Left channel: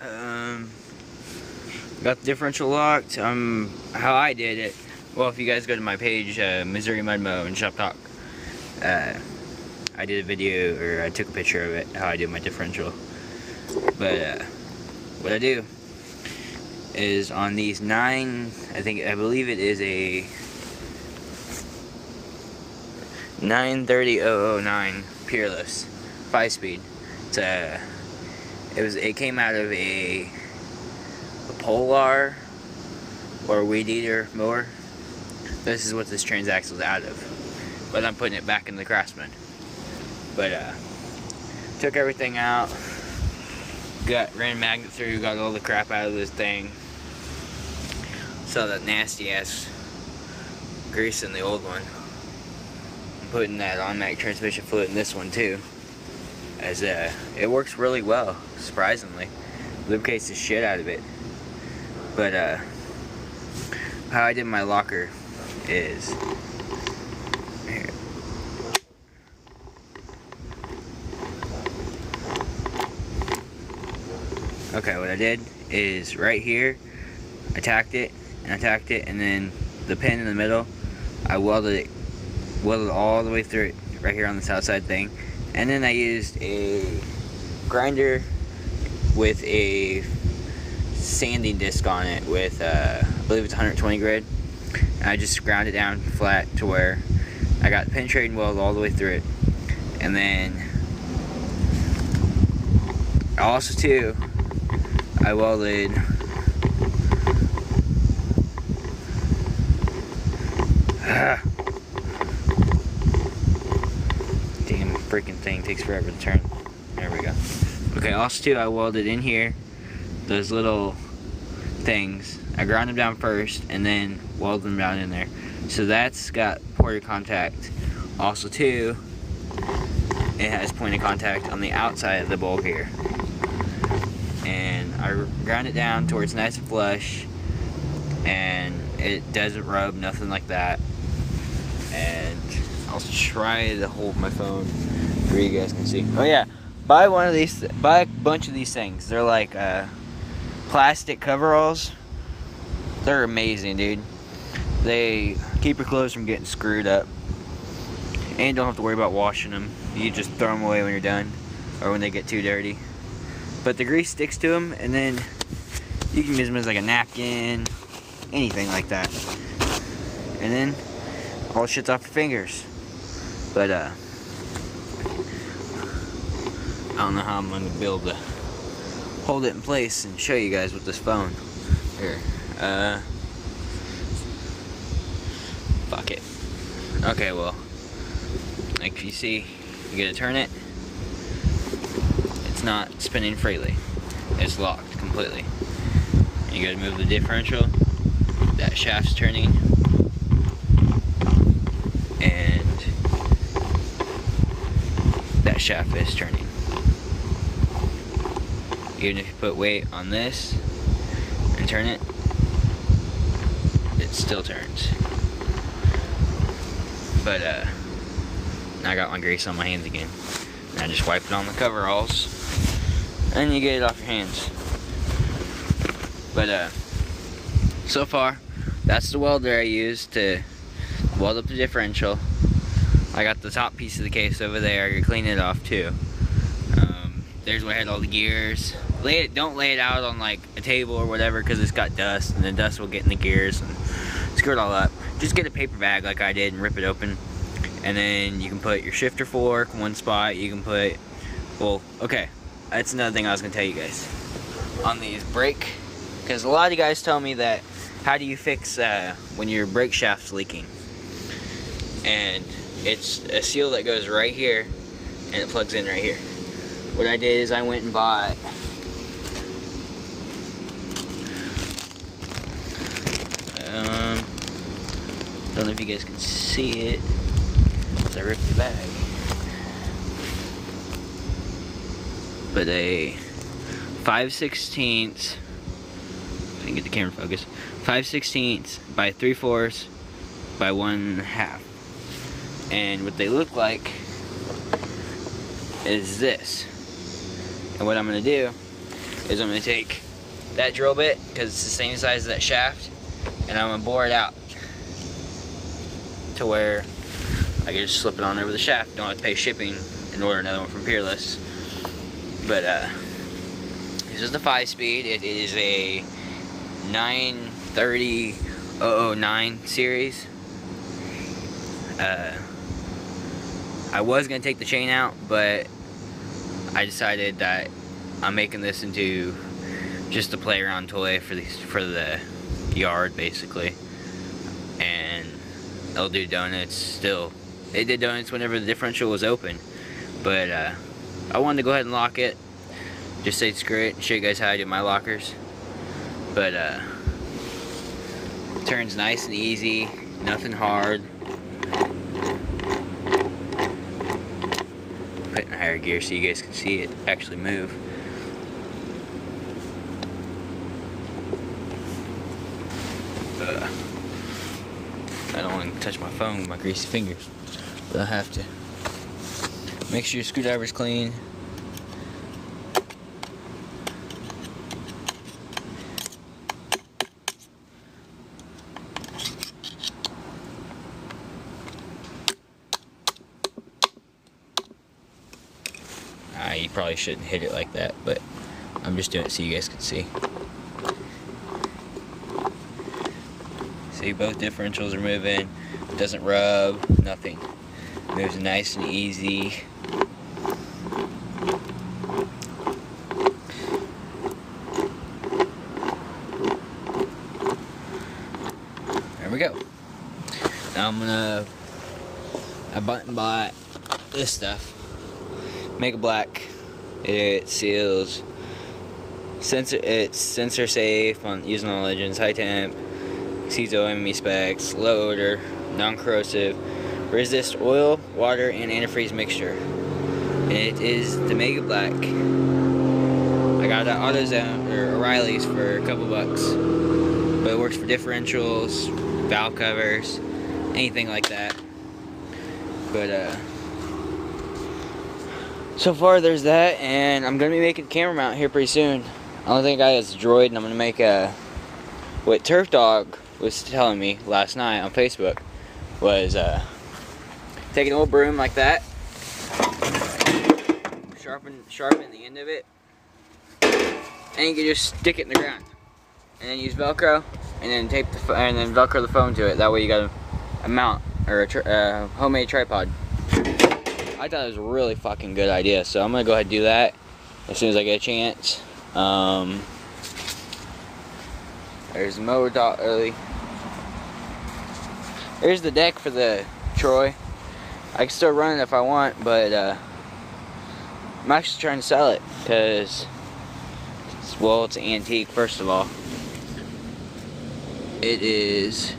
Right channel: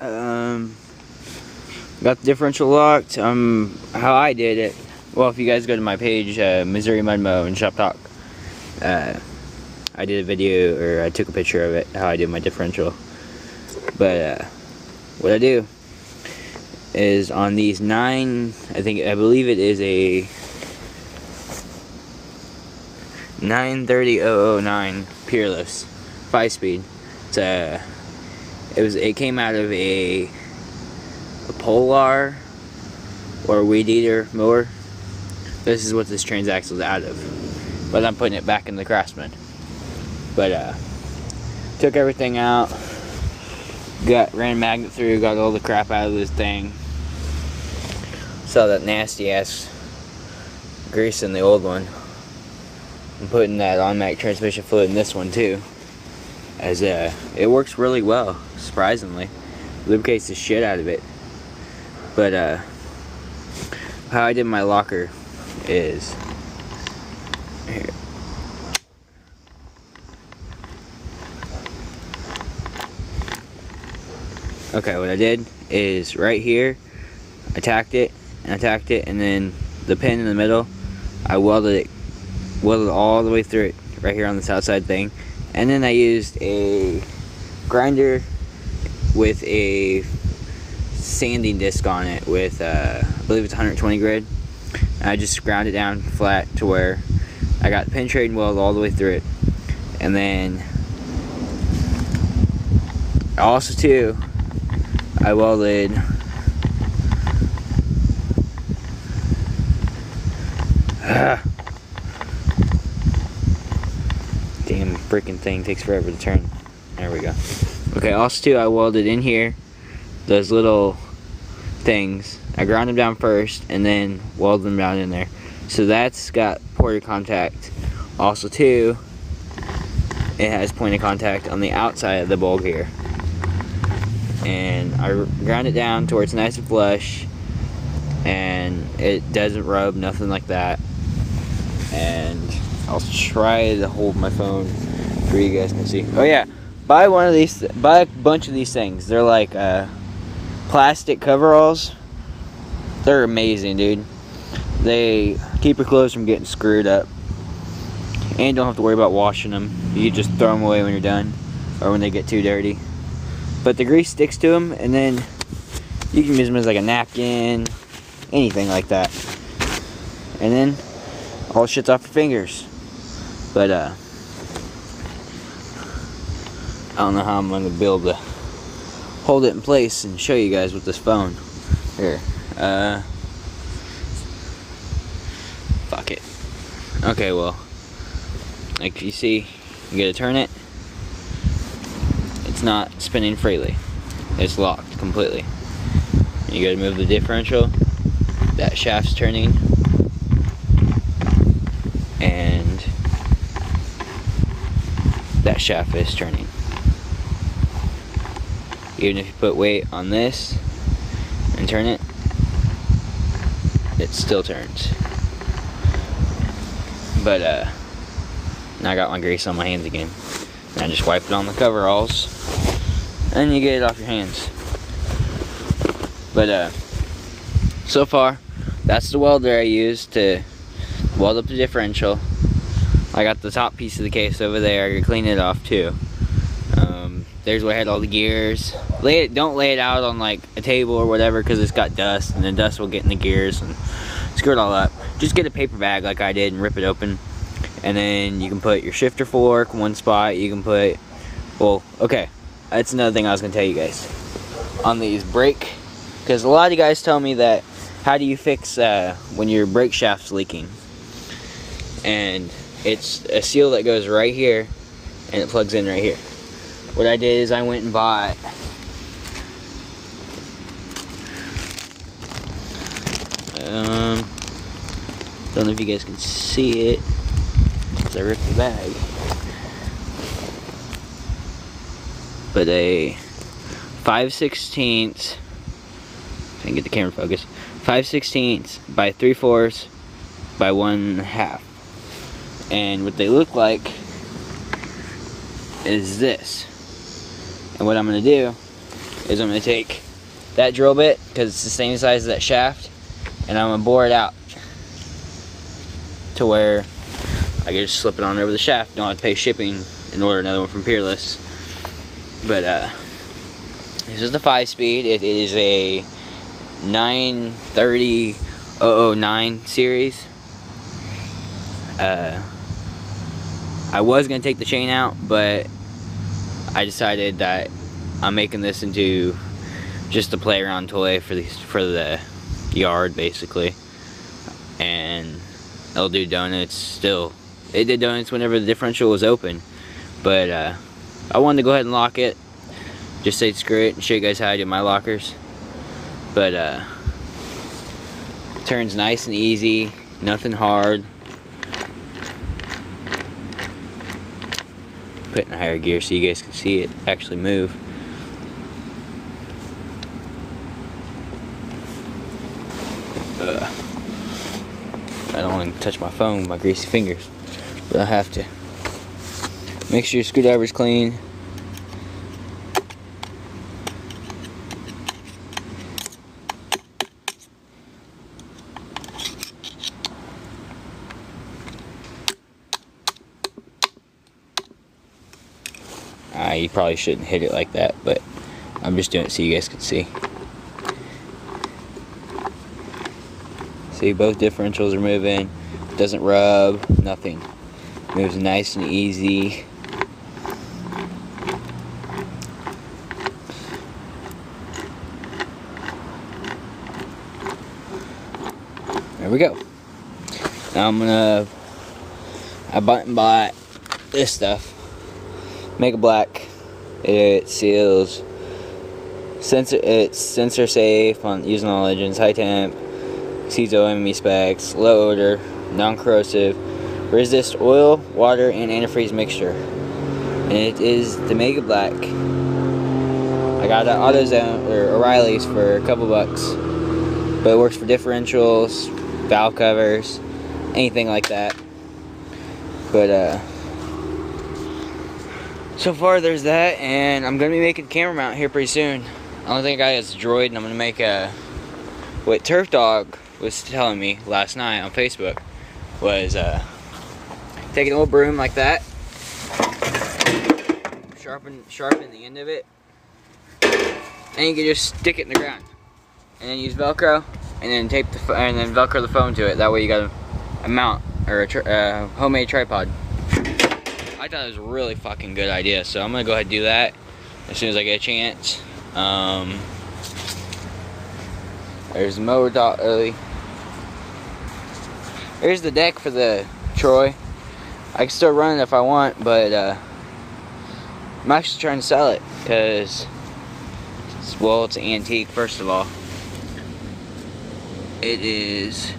Got the differential locked. How I did it. Well, if you guys go to my page, Missouri Mud Mo and Shop Talk, I did a video, or I took a picture of it, how I did my differential. But what I do is on these 9, I believe it is a 930.009 Peerless 5-speed. It came out of a Polar or Weed Eater mower. This is what this transaxle is out of, but I'm putting it back in the Craftsman. But took everything out, ran a magnet through, got all the crap out of this thing. Saw that nasty ass grease in the old one. I'm putting that automatic transmission fluid in this one too, as it works really well, surprisingly. Lubricates the shit out of it. But how I did my locker is here. Okay, what I did is right here, I tacked it, and then the pin in the middle, I welded all the way through it, right here on this outside thing. And then I used a grinder with a sanding disc on it with, I believe it's 120 grit. And I just ground it down flat to where I got the pin trading weld all the way through it. And then also too, I welded damn freaking thing takes forever to turn. There we go. Okay, also too, I welded in here those little things. I ground them down first and then welded them down in there. So that's got point of contact. Also too, it has point of contact on the outside of the bulb here. And I ground it down to where it's nice and flush, and it doesn't rub, nothing like that. And I'll try to hold my phone for you guys can see. Oh yeah, buy a bunch of these things. They're like plastic coveralls. They're amazing, dude. They keep your clothes from getting screwed up, and you don't have to worry about washing them. You just throw them away when you're done, or when they get too dirty. But the grease sticks to them, and then you can use them as like a napkin, anything like that. And then all the shit's off your fingers. But I don't know how I'm gonna be able to hold it in place and show you guys with this phone. Here, fuck it. Okay, well, like you see, you gotta turn it. It's not spinning freely. It's locked completely. You gotta move the differential. That shaft's turning. And that shaft is turning. Even if you put weight on this and turn it, it still turns. But now I got my grease on my hands again. And I just wiped it on the coveralls, and you get it off your hands. But so far, that's the welder I used to weld up the differential. I got the top piece of the case over there. I can clean it off too. There's where I had all the gears. Don't lay it out on like a table or whatever, because it's got dust, and then dust will get in the gears and screw it all up. Just get a paper bag like I did and rip it open. And then you can put your shifter fork in one spot. You can put, well, okay, that's another thing I was going to tell you guys. On these brake, because a lot of you guys tell me that, how do you fix when your brake shaft's leaking? And it's a seal that goes right here, and it plugs in right here. What I did is I went and bought don't know if you guys can see it. I ripped the bag. But a 5/16, I can get the camera focused, 5/16 by 3/4 by 1/2. And what they look like is this. And what I'm going to do is I'm going to take that drill bit, because it's the same size as that shaft, and I'm going to bore it out to where I can just slip it on over the shaft. Don't have to pay shipping and order another one from Peerless. But this is the 5-speed. It is a 930-009 series. I was going to take the chain out, but I decided that I'm making this into just a playground toy for the yard, basically. And it'll do donuts still. It did donuts whenever the differential was open. But I wanted to go ahead and lock it. Just say screw it and show you guys how I do my lockers. But it turns nice and easy, nothing hard. Put it in higher gear so you guys can see it actually move. I don't want to touch my phone with my greasy fingers, but I have to. Make sure your screwdriver's clean. You probably shouldn't hit it like that, but I'm just doing it so you guys can see. See, both differentials are moving. It doesn't rub, nothing. Moves nice and easy. There we go. Now I bought this stuff. Mega Black. It seals. It's sensor safe on using all engines. High temp. Exceeds OME specs. Low odor. Non-corrosive. Resist oil, water, and antifreeze mixture. And it is the Mega Black. I got it at AutoZone or O'Reilly's for a couple bucks. But it works for differentials, valve covers, anything like that. But so far there's that, and I'm gonna be making a camera mount here pretty soon. I don't think I got a Droid, and I'm gonna make what Turf Dog was telling me last night on Facebook was take an old broom like that, sharpen the end of it, and you can just stick it in the ground, and then use Velcro, and then and then Velcro the phone to it. That way you got a mount or a homemade tripod. I thought it was a really fucking good idea, so I'm gonna go ahead and do that as soon as I get a chance. There's the mower early. There's the deck for the Troy. I can still run it if I want, but I'm actually trying to sell it because, well, it's an antique. First of all, it is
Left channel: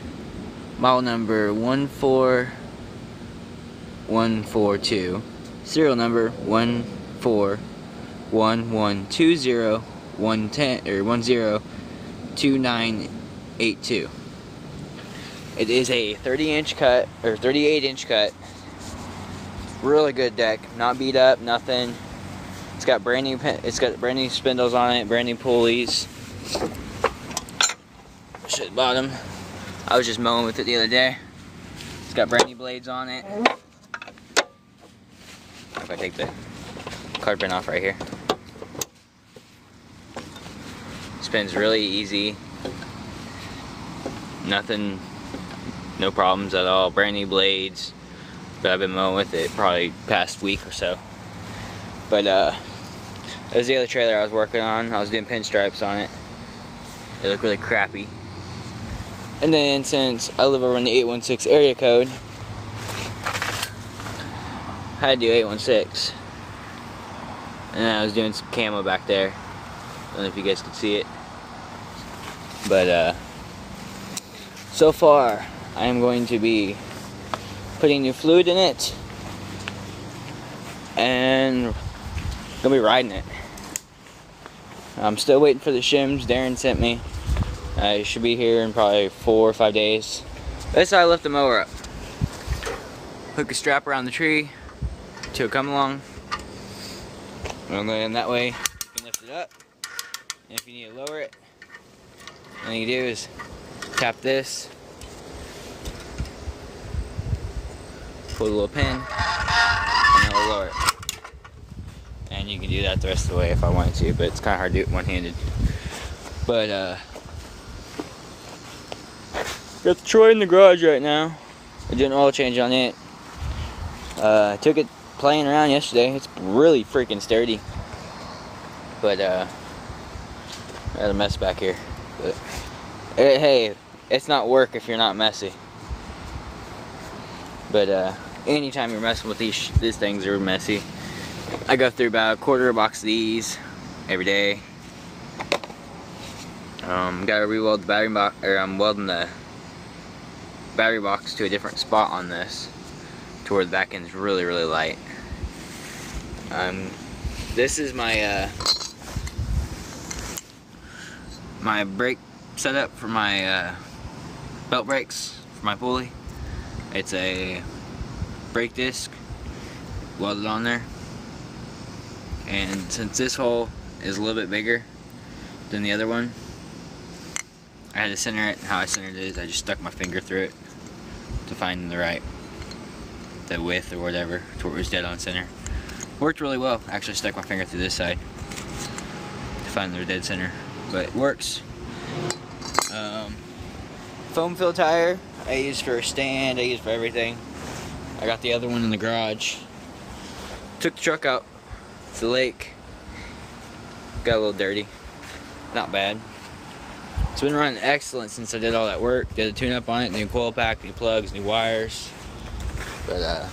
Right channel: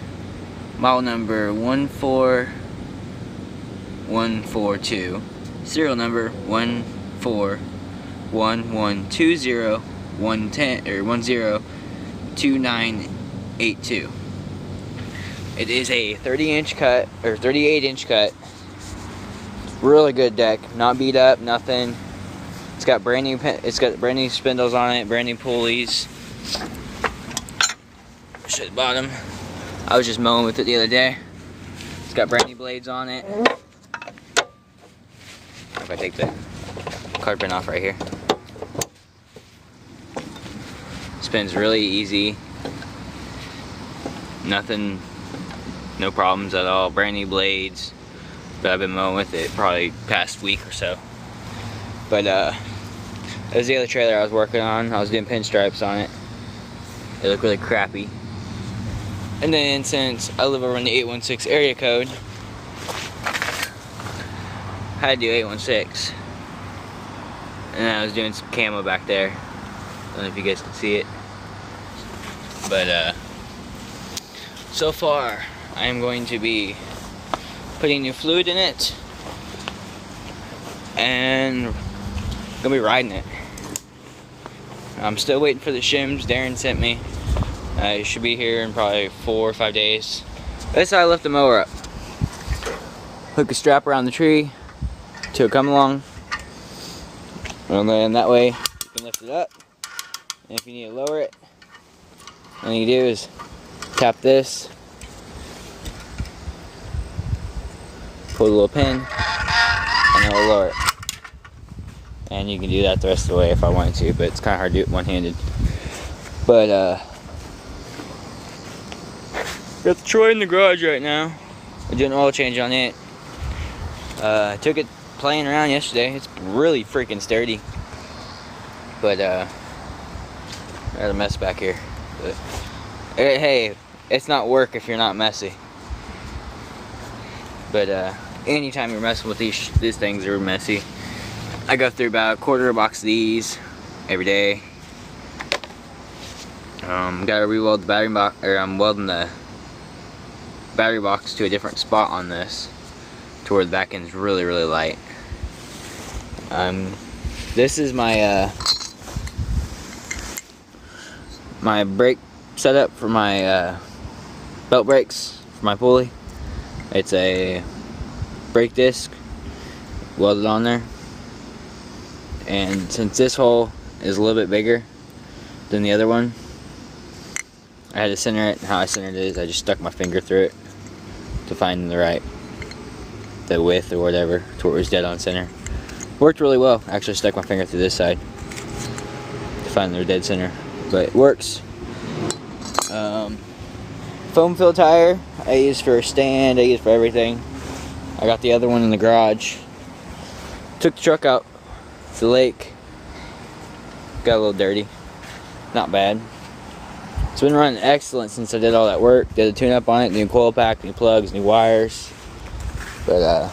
model number 14142, serial number 141120110 102982. It is a 30-inch cut or 38-inch cut. Really good deck, not beat up, nothing. It's got brand new spindles on it, brand new pulleys. Show the bottom. I was just mowing with it the other day. It's got brand new blades on it. If I take the carpet off right here. Spins really easy. Nothing, no problems at all. Brand new blades. But I've been mowing with it probably past week or so. But that was the other trailer I was working on. I was doing pinstripes on it. It looked really crappy. And then since I live over in the 816 area code, I had to do 816. And then I was doing some camo back there. I don't know if you guys can see it. But so far I am going to be putting new fluid in it and gonna be riding it. I'm still waiting for the shims Darren sent me. It should be here in probably 4 or 5 days. That's how I lift the mower up. Hook a strap around the tree till it come along, and then that way you can lift it up And if you need to lower it, all you do is tap this, pull a little pin, and it'll lower it. And you can do that the rest of the way if I wanted to, but it's kind of hard to do it one-handed. But got the Troy in the garage right now. I'm doing an oil change on it. I took it playing around yesterday. It's really freaking sturdy. But I got a mess back here. But, hey, it's not work if you're not messy. But anytime you're messing with these things are messy. I go through about a quarter of a box of these every day. Gotta re-weld the battery box, or I'm welding the battery box to a different spot on this, to where the back end is really, really light. This is my my brake setup for my belt brakes for my pulley. It's a brake disc welded on there. And since this hole is a little bit bigger than the other one, I had to center it. How I centered it is I just stuck my finger through it to find the width or whatever, to where it was dead on center. Worked really well. Actually stuck my finger through this side to find the dead center, but it works. Foam fill tire I use for a stand, I use for everything. I got the other one in the garage. Took the truck out to the lake. Got a little dirty. Not bad. It's been running excellent since I did all that work. Did a tune-up on it, new coil pack, new plugs, new wires. But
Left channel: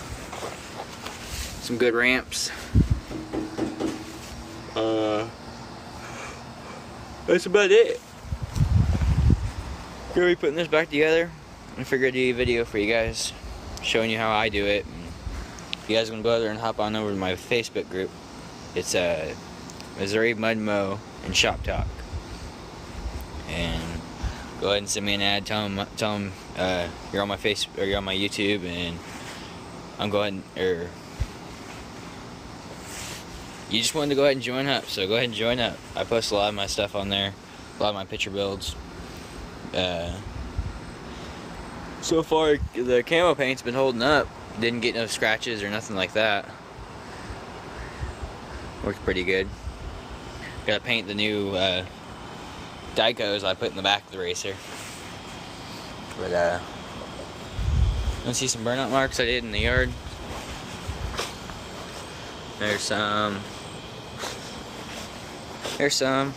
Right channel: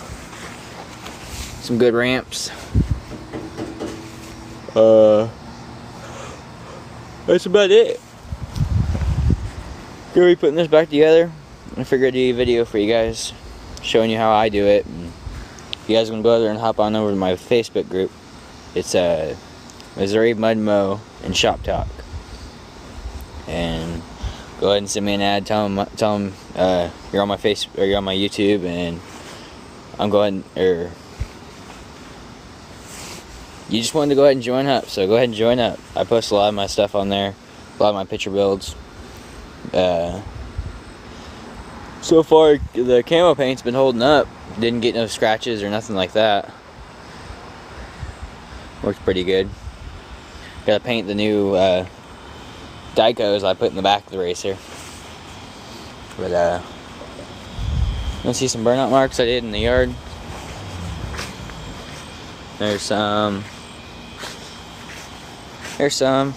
some good ramps. That's about it. Gonna be putting this back together. I figured I'd do a video for you guys, showing you how I do it. And if you guys want to go there and hop on over to my Facebook group. It's Missouri Mud Mow and Shop Talk. And go ahead and send me an ad. Tell them you're on my Facebook, or you're on my YouTube, and I'm going, or you just wanted to go ahead and join up. So go ahead and join up. I post a lot of my stuff on there, a lot of my picture builds. So far the camo paint's been holding up. Didn't get no scratches or nothing like that. Works pretty good. Gotta paint the new Dicos I put in the back of the racer. But you see some burnout marks I did in the yard. There's some. Don't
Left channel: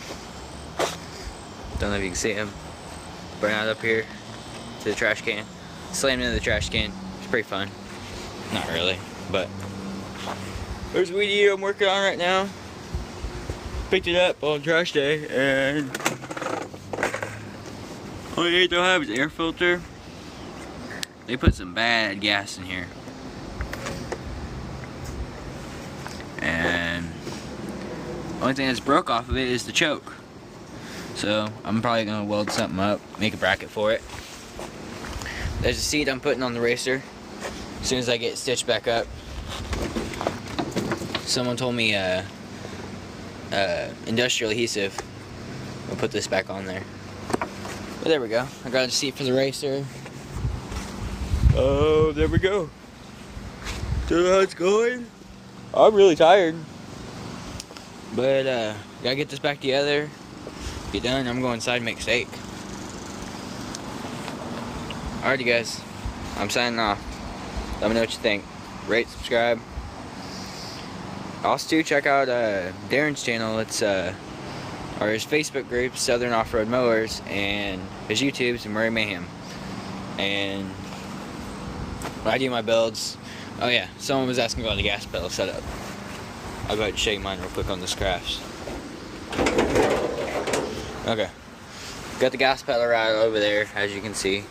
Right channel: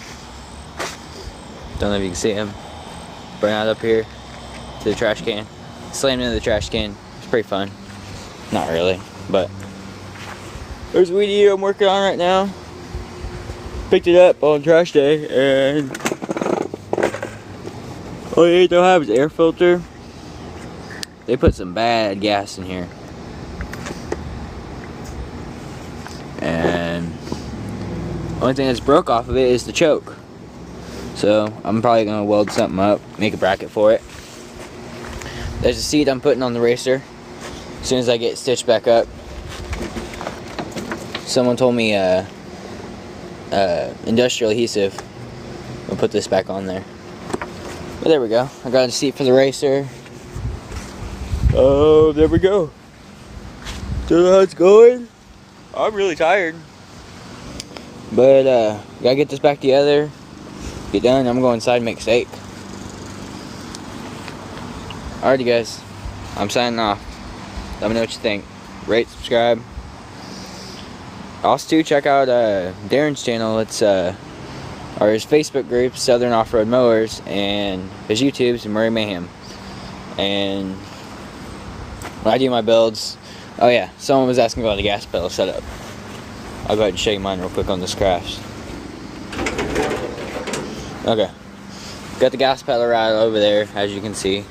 know if you can see them. Burnout up here to the trash can. Slammed into the trash can. It's pretty fun. Not really, but there's a weed eater I'm working on right now. Picked it up on trash day, and all you don't have is air filter. They put some bad gas in here, and the only thing that's broke off of it is the choke. So I'm probably gonna weld something up, make a bracket for it. There's a seat I'm putting on the racer as soon as I get it stitched back up. Someone told me industrial adhesive. I'll put this back on there. But there we go. I got a seat for the racer. Oh, there we go. So how it's going. I'm really tired, but gotta get this back together. Get done. I'm going inside and make steak. Alrighty, guys. I'm signing off. Let me know what you think. Rate, subscribe. Also, check out Darren's channel. It's or his Facebook group, Southern Off-Road Mowers, and his YouTube's Murray Mayhem. And when I do my builds, oh yeah, someone was asking about the gas pedal setup. I'll go ahead and show you mine real quick on this Crafts. Okay, got the gas pedal right over there, as you can see,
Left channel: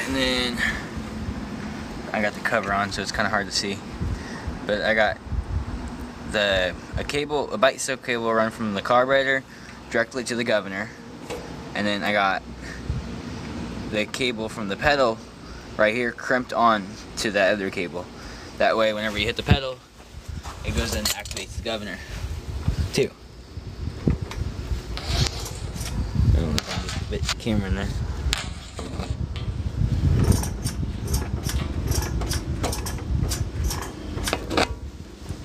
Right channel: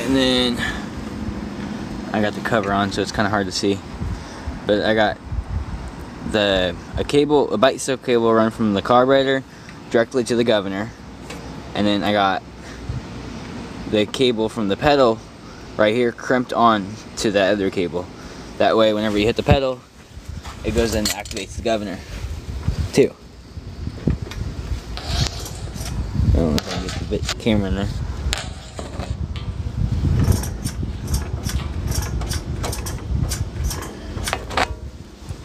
and then I got the cover on, so it's kind of hard to see. But I got a bike silk cable run from the carburetor directly to the governor, and then I got the cable from the pedal right here crimped on to that other cable. That way, whenever you hit the pedal, it goes in and activates the governor too. get the camera in there.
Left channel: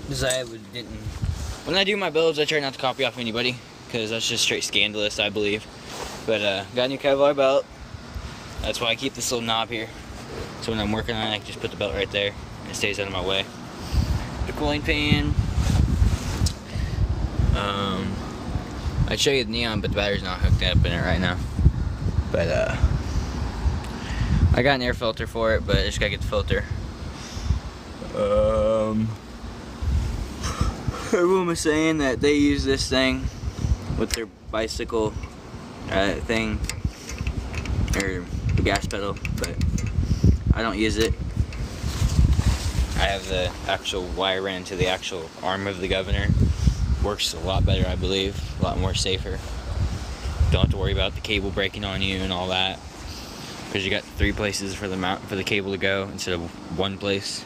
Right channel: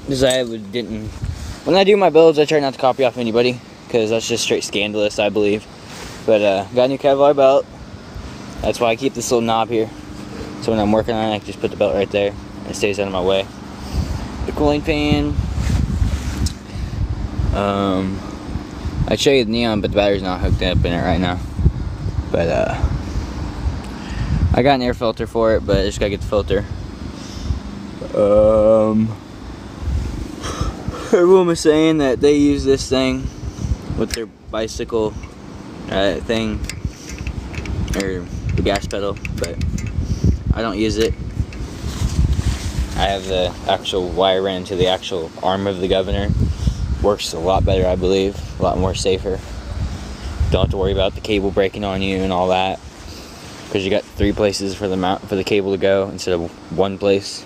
Because when I do my builds, I try not to copy off anybody, because that's just straight scandalous, I believe. But got a new Kevlar belt. That's why I keep this little knob here. So when I'm working on it, I can just put the belt right there, and it stays out of my way. The cooling fan. I'd show you the neon, but the battery's not hooked up in it right now. But I got an air filter for it, but I just gotta get the filter. Everyone was saying that they use this thing with their bicycle thing, or the gas pedal, but I don't use it. I have the actual wire ran to the actual arm of the governor. Works a lot better, I believe, a lot more safer. Don't have to worry about the cable breaking on you and all that, because you got 3 places for the cable to go instead of 1 place.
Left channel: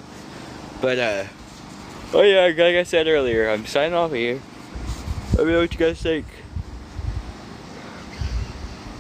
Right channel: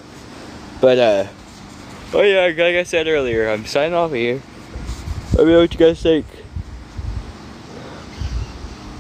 But oh yeah, like I said earlier, I'm signing off here. Let me know what you guys think.